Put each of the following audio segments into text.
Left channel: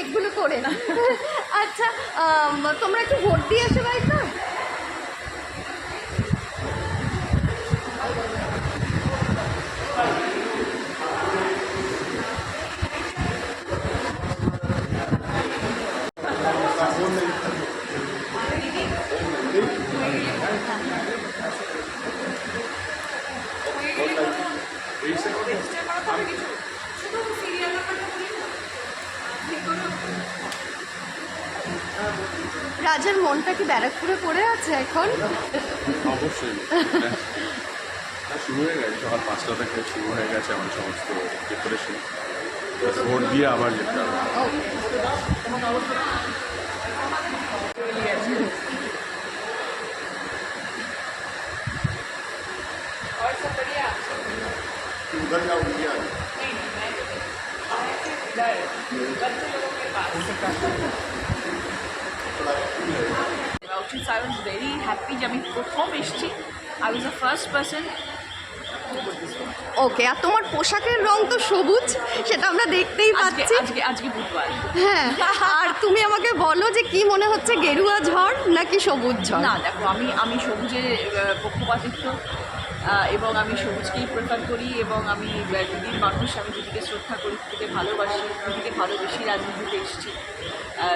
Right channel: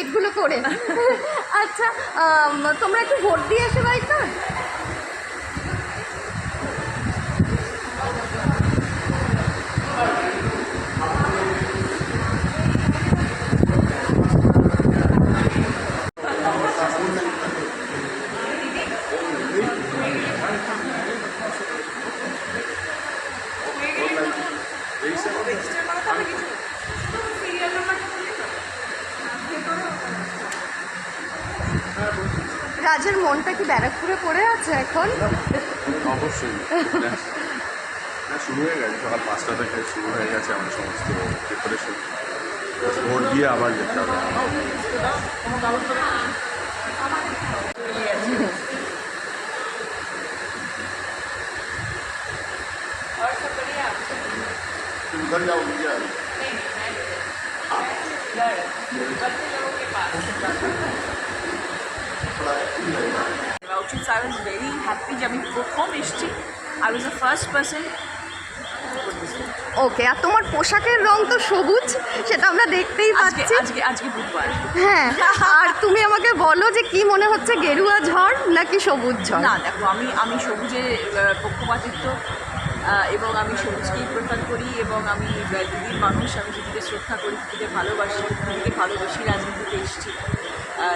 এগুলো করে না। আচ্ছা, তোমরা একটু ভোট দিয়ে এসে বাড়িতে। রাজার মনটা কি ব্যারাকপুরে পড়ে আছে এখন? অবশ্যই না, শুরু হয়ে গেছে সকাল 5টা থেকে শুরু হয়ে গেছে আমাদের সমস্ত প্রিপারেশন। ভোট দিয়ে আবার যেতে হবে। और सब बढ़िया? घर जाओगी क्या? नहीं मैं सिर्फ इधर बच्चे लोगों के पास। Outside, I was very happy যে আমি প্রথম এসেছি। I was the first person to put this vote. ওকে, আর তোমার পোশাকের রং তো সবুজ, সেটা আমরা দেখতেই আজকে পাচ্ছি। আজকে আজকে বুধবার। হ্যাঁ, আর তুমি আমাকে বলো যে কি মনে হচ্ছে, গেরুয়া ঝড় নাকি সবুজ ঝড়? না দেখো, আমি সবুজের পক্ষপাতিত্ব এবং আমি সবুজকেই প্রেফার করি এবং আমি দিদির মানুষ, আমি দিদিকে শ্রদ্ধা করি, দিদিকে ভালোবাসি, দিদিকে ভালোবেসি রাজনীতিতে এসেছি।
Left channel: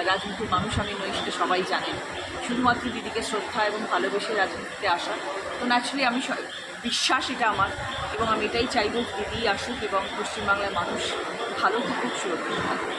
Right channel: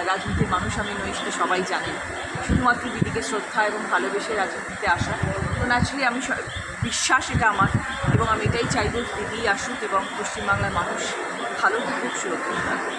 রাজনীতির মানুষ আমি নই, সেটা সবাই জানেন। শুধুমাত্র দিদিকে শ্রদ্ধা এবং ভালোবেসে রাজনীতিতে আসা। তো ন্যাচুরালি আমি বিশ্বাস এটা আমার, এবং আমি এটাই চাইব দিদি আসুক এবং পশ্চিমবাংলার মানুষ ভালো থাকুক, সুরক্ষিত থাকুক।